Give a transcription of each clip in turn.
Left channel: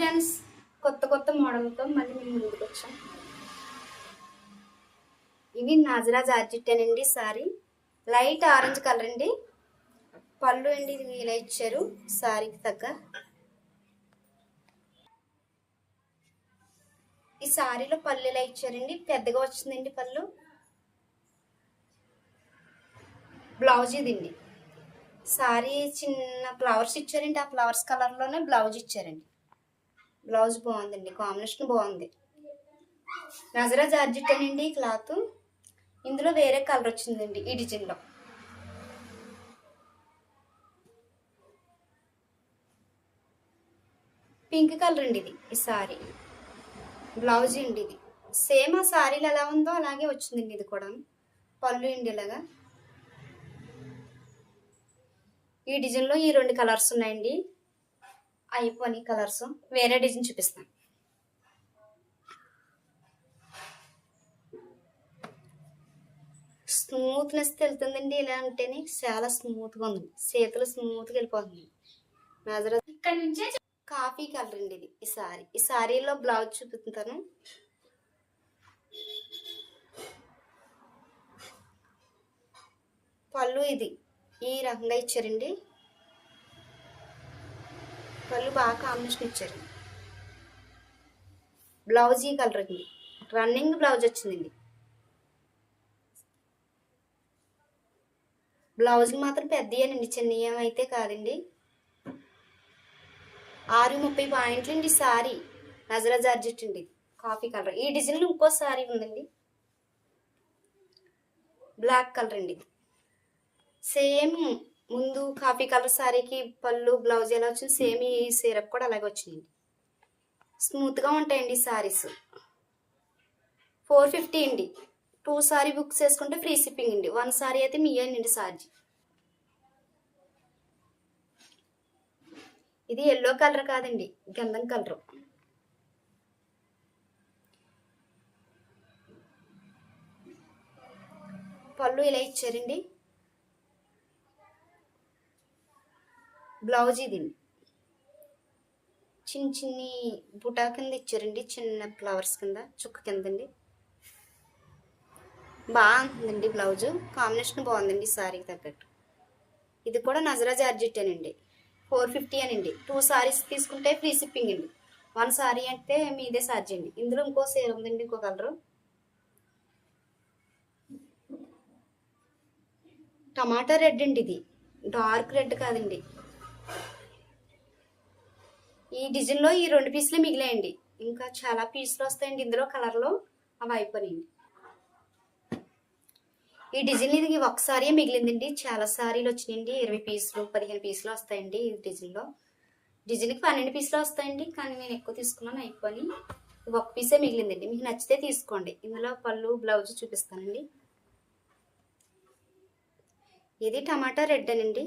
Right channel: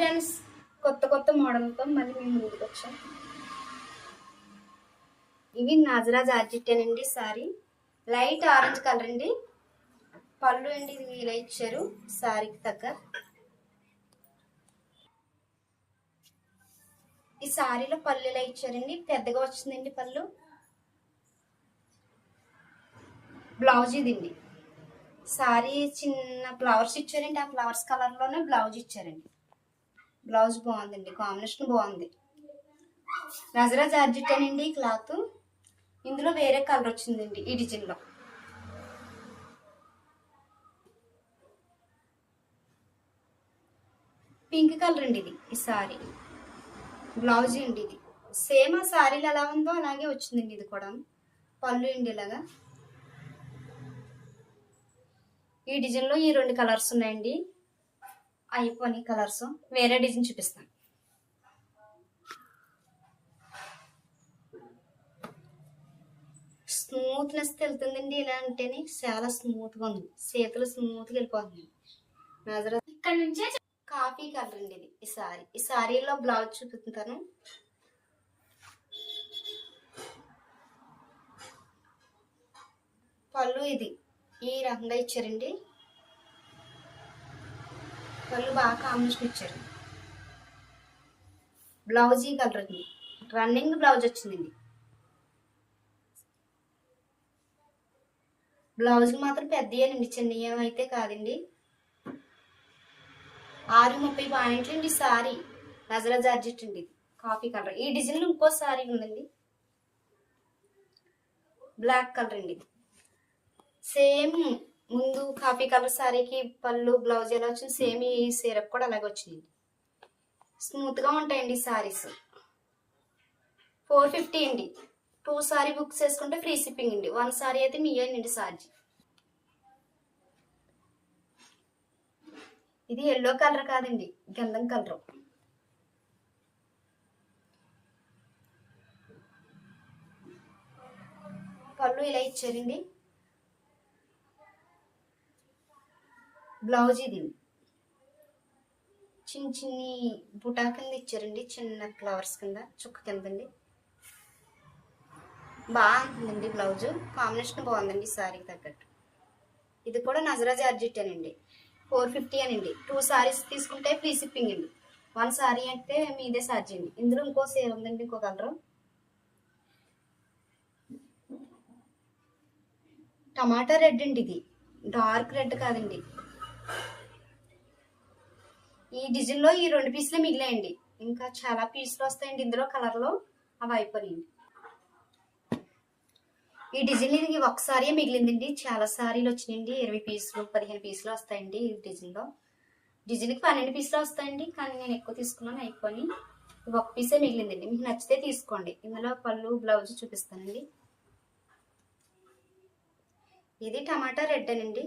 Friends, కొత్త మోడల్తో మళ్ళీ మేము ముందుకు వచ్చాం. ఇవి నాజరా జార్జెట్టేనండి. సారీ లైట్ ఆరెంజ్ కలర్ అండి. పళ్ళు అండి ఇది ఇలా ఇచ్చారు సారీకి తగ్గ. ఈ సారీలో పళ్ళు ఇలా ఇచ్చారండి, పెద్దగా వచ్చిందండి పళ్ళు. బ్లౌజ్ ఇదండి. సారీ చిన్న ఫ్లవర్స్ ఇచ్చారండి, ఆ ఫ్లవర్స్ కలర్లోనే బ్లౌజ్ ఇచ్చారండి. బ్లౌజ్ బాగుందండి, కాంబినేషన్ బాగుంది. నజరా జార్జెట్ అండి క్లాత్. ఇందులో వేరే కలర్ వచ్చిందండి ఈ డిజైన్లో. పింక్ కలర్ అండి ఇది. ఈ సారీ బ్లౌజ్ అండి ఇది. సేమ్ ఆ సారీలు ఎలా ఉందో అలాగే వచ్చిందండి ఇది కూడా. పళ్ళు అండి ఇలాగా. ఈ డిజైన్లో ఈ 2 కలర్స్ ఉన్నాయండి. అయిపోయి కలర్స్ వేరే డిజైన్ చూపిస్తాను. స్మూత్నెస్ తెలుతుందండి ఇలా ఉంటేనే. చాలా స్మూత్గా ఉంది, చేతులు స్మూత్గా వెళ్ళిపోతుంది. నజరా ఇక్కడ నుంచే కాఫీ కలర్ అండి ఇది. ఈ సారీలో బ్లౌజ్ చూపిస్తాను. పళ్ళు ఇది ఈ రకంగా ఇచ్చారండి. పళ్ళు బాగా కాంబినేషన్ ఇచ్చారు. బ్లౌజ్ ఈ కలర్ అండి, రన్నింగ్ బ్లౌజ్ వచ్చిందండి. బ్లౌజ్ మాత్రం పెద్దయేనండి, చిన్న ఏమైతే కాదండి. 630 పాయింట్లు అండి సారీ. నజరా జార్జెట్ అండి, కాఫీ కలర్. ఈ డిజైన్లో ఇంకో సారీ ఉందండి, బ్లాక్ కలర్ అండి. సేమ్ ముందు కాఫీ కలర్ సారీకి పళ్ళు బ్లౌజ్ ఎలా వచ్చింది, సేమ్ ఈ సిరప్ కూడా అలాగే వచ్చింది. స్మూత్గా ఉంటాయండి సారీస్. 450 అండి. 2 సారీ బుక్ చేసుకుంటే ఫ్రీ షిప్పింగ్ అండి. 1 సారీ అయితే మీయేనండి ఛార్జ్. ఇది ఎల్లో కలర్ కాదండి, గంధం కలర్. పళ్ళు ఇలా ఇచ్చారండి. బ్లౌజ్ ఇది చిన్ని బుటా కింద ఇచ్చారండి, చిన్న ఫ్లవర్స్ కింద చుక్క కిందండి. బాగుంటుందండి బ్లౌజ్, కాంబినేషన్ బాగుందండి సారీకి తగ్గట్టు. ఇది కూడా నజరా జార్జెట్టేనండి. 450 అనండి. 2 సారీస్ తీసుకుంటే ఫ్రీ షిప్పింగ్ అండి. 1 సారీ అంటే మీదే ఛార్జ్ అండి. ఇందులో ఇంకో సేల్ ఉందండి, ఇంకో కలర్ టమాటా రెడ్ అండి. ఇది డార్క్ రెడ్ కాదండి. ఈ డిజైన్లో ఈ 2 పీసులే మిగిలాయండి. ఇంకా చాలా పీసులు వస్తాయండి ఇందులో కలర్లో, అవి అయిపోయినాయండి. ఈ డిజైన్ ఇది ఒకసారి మిగిలిందండి, చాలా సారీలు వచ్చినాయండి. 20 పీసులు 15 పీసులు వస్తాయండి ఈ డిజైన్లో. డిజైన్కి 12 పీసులు వస్తాయండి, కానీ నేను ఎక్కువ తీసుకున్నాను అయిపోయి. ఇది 1 పీసే మిగిలిందండి. మీకు నచ్చితే తీసుకోండి. ఇందులో పళ్ళు బ్లౌజ్ చూపిస్తానండి. ఇది టమాటా రెడ్ అనండి.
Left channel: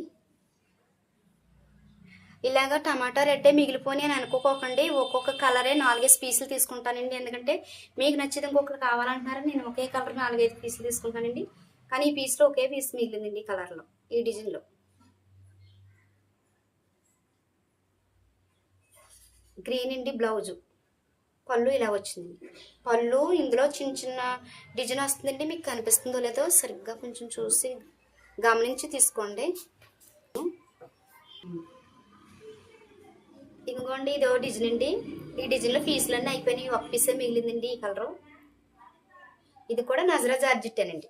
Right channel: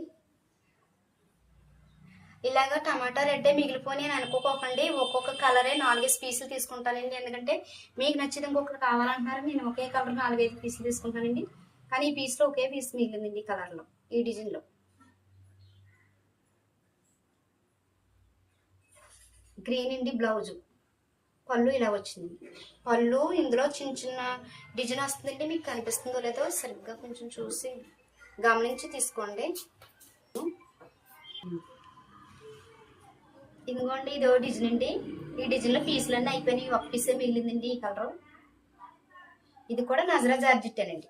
ఇలాగా టమాటా రెడ్డే మిగిలిపోయి అని అనుకోకండి. ఒక్కొక్క కలరే 4-5 పీసులు తీసుకుంటానండి. ఎందుకంటే మీకు నచ్చింది ఇంకొకరు కావాలంటున్నారు, నేను ఒకే కలర్ 4-5 పీసులు తీసుకుంటానండి. కానీ ఈ పీస్లో ఒకే పీస్ మిగిలిందండి ఈ కలర్లో, ఈ డిజైన్లో. గ్రీన్ అండి బ్లౌజు. పళ్ళు ఇలా వచ్చింది. పళ్ళు ఇందులో చిన్న డిజైన్ వస్తుందండి. మీకు కనిపిస్తుందో లేదో సరిగ్గా కొంచెం చూసి గమనించి తీసుకోండి. ఇదిగోండి ఇదో డిజైన్ అండి. ఈ డిజైన్లో పీసులన్నీ అయిపోయినాయి, 1 పీసే మిగిలిందండి ఈ కలరు. ఇది కూడా నజరా జార్జెట్టేనండి.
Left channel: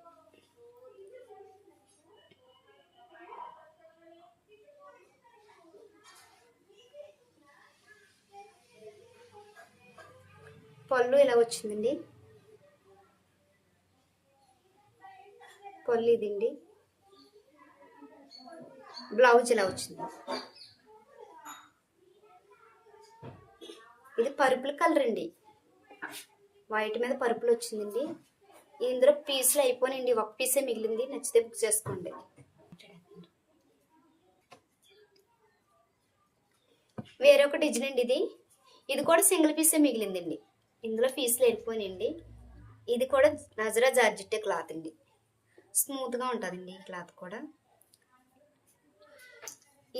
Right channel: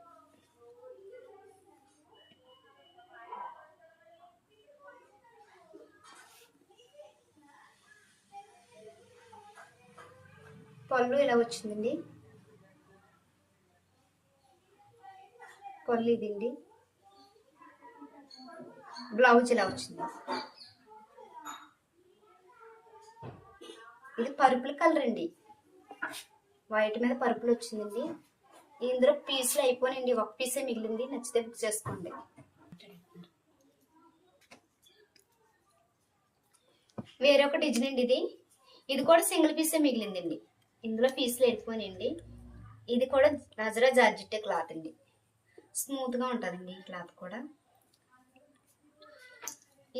పళ్ళు ఇలా వచ్చిందండి. పళ్ళు ఇదండి. బ్లౌజ్ ఇలా వచ్చింది. ఇది పర్పుల్ కలర్ అండి, వైట్ మీద పర్పుల్ వచ్చిందండి. ఇందులో పీసులు అయిపోయినాయండి, 1 పీసే మిగిలింది. నచ్చితే బుక్ చేసుకోండి. వేరొక డిజైన్ అండి ఇది. ఇది కూడా సింగిల్ పీసే మిగిలిందండి. ఇందులో పీసులు వెళ్ళిపోయినాయండి. ఇది కూడా నజరా జార్జెట్టే క్లాత్ అండి. స్మూత్గా ఉంటుందండి ఈ క్లాత్ కూడా.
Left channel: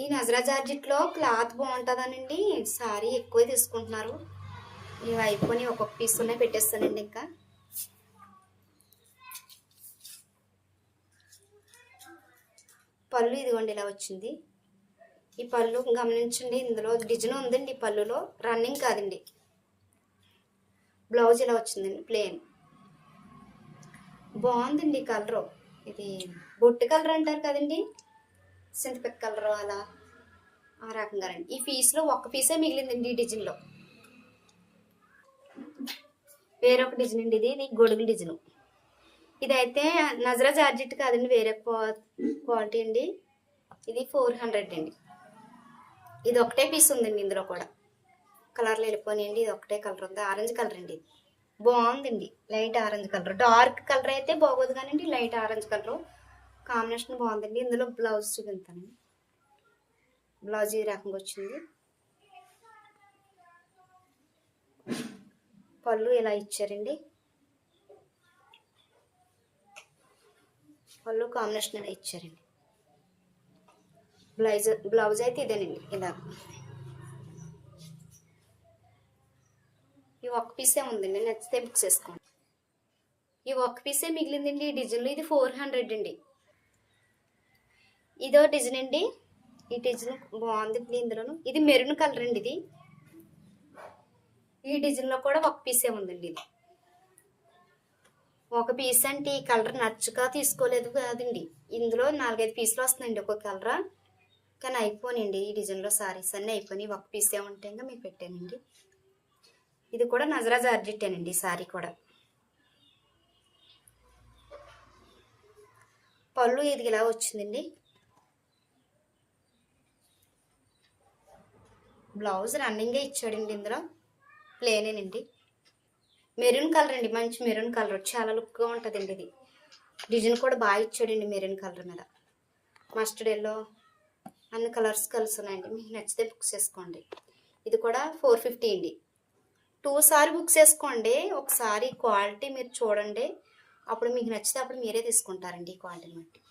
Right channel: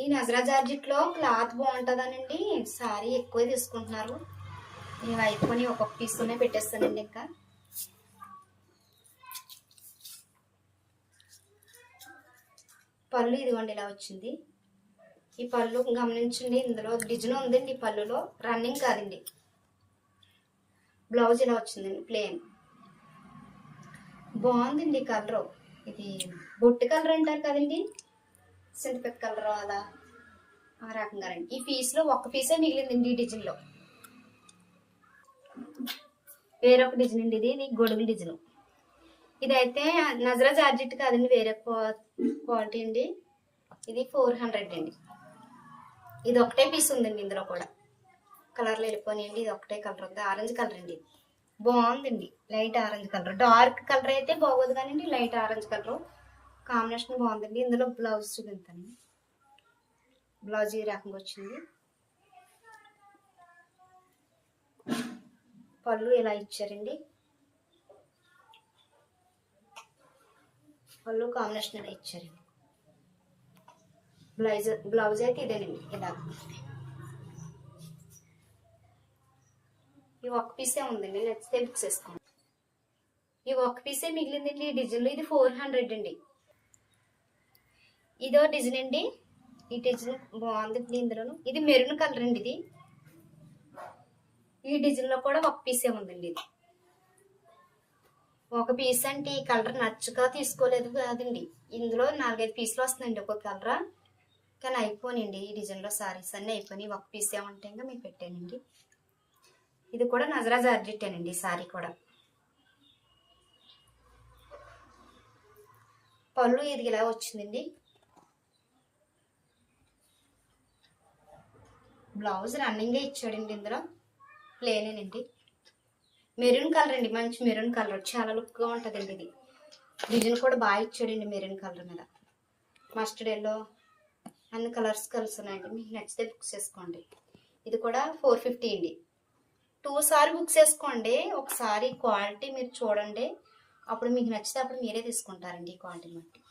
ఈ నజరా జార్జెట్లో క్లాత్ బాగుంటుందనండి సారీ ఎక్కువ తీసుకుంటున్నారు. ఇవి అయిపోయి ఒక్కొక్క పీస్ ఉన్నాయి పెట్టేస్తానండి. ఇంకా పళ్ళు ఇదిగోండి ఇలా వచ్చింది. ఈ పళ్ళు గమనించండి, ఇందులో డిజైన్ ఉందండి. ఈ పళ్ళులో రన్నింగ్ కాదండి. బ్లౌజ్ ఇలా వచ్చిందండి ప్లెయిన్. బాగుందండి కలరు. ఇది బొట్టు కలర్ అంటారు కదండి, సింథటిక్ కలర్ అలా ఆ రకంగా రండి. ఈ పీస్లో ఒక్క పీసే మిగిలిందండి ఈ డిజైన్లో. వేరొక డిజైన్ అండి. ఇది గొడుగు డిజైన్. ఇదైతే నజరా జార్జెట్ కాదండి, వేరే క్వాలిటీ అండి. ఇది 400 అండి. ఇది ఒకటే పీస్ ఉందండి. ఇందులో కూడా కలర్లు వెళ్ళిపోయినాయండి. ఇది ఒకటే కలర్ ఉంది, ఆరెంజ్ కలర్ అండి. ఇది బాగుందండి, light orange colour. Dark colour అయితే బాగోదు కానివ్వండి, లైట్ ఆరెంజ్ కలర్ కాంబినేషన్ బాగుందండి. ఇందులో బ్లౌజ్ చూపించాను. బ్లౌజ్ ఈ రకంగా వచ్చింది. పళ్ళు ఇలా ఇచ్చారండి. పళ్ళు కాంబినేషన్ ఇలా ఇచ్చారండి. బ్లౌజ్ అయితే ఇదేనండి ఇలా. ఈ ఒక్క పీసే ఉందండి, నచ్చితే బుక్ చేసుకోండి. ఈ ఒక్క పీసే మిగిలిందండి ఈ డిజైన్లో. ఇది 400 అండి. ఇదో డిజైన్ అండి. ఈ డిజైన్ బాగుంది ఇందులోను. ఇది మెరూన్ కలర్ అండి. ఇది ఈ డిజైన్లో కూడా ఒక పీసే ఉందండి. ఇది ఒక పీస్ అంటే ఈ కలర్ నచ్చక తీసుకోలేదు కాదండి. ఇందులో 4-5 పీసులు వస్తున్నాయండి ఒక్కొక్క కలర్. కానీ అయిపోయినండి ఈ డిజైన్లో సారీస్ అన్నీ అయిపోయినాయి. ఒక పీసే ఉంటే ఇంకా మీకు పెట్టానండి. ఇది కూడా నజరా జార్జెట్టేనండి సారీ కూడా. పళ్ళు ఇది ఇలా వచ్చిందండి. బ్లౌజ్ రన్నింగే ఇచ్చాడండి. ఇందులో ప్లేనేనండి. మెరూన్ కలర్ అండి, మంచి మెరూన్ కలర్, చాలా లుక్గా ఉంటుందండి. ఇది డిజైన్ కూడా బాగా ఇచ్చాడండి మెరూన్ కలర్ మీద. మస్టర్డ్ ఎల్లో అన్ని కలర్స్ కలిసి ఉన్నాయండి. మీకు నచ్చితే బుక్ చేసుకోండి. ఇది కూడా 450 అండి. 2 సారీ బుక్ చేసుకోండి. ఒకసారి క్వాలిటీ మీరు చూడండి, అప్పుడు మీకు నచ్చితే అప్పుడు మీరే తీసుకుంటారండి ఈ క్వాలిటీని బట్టి.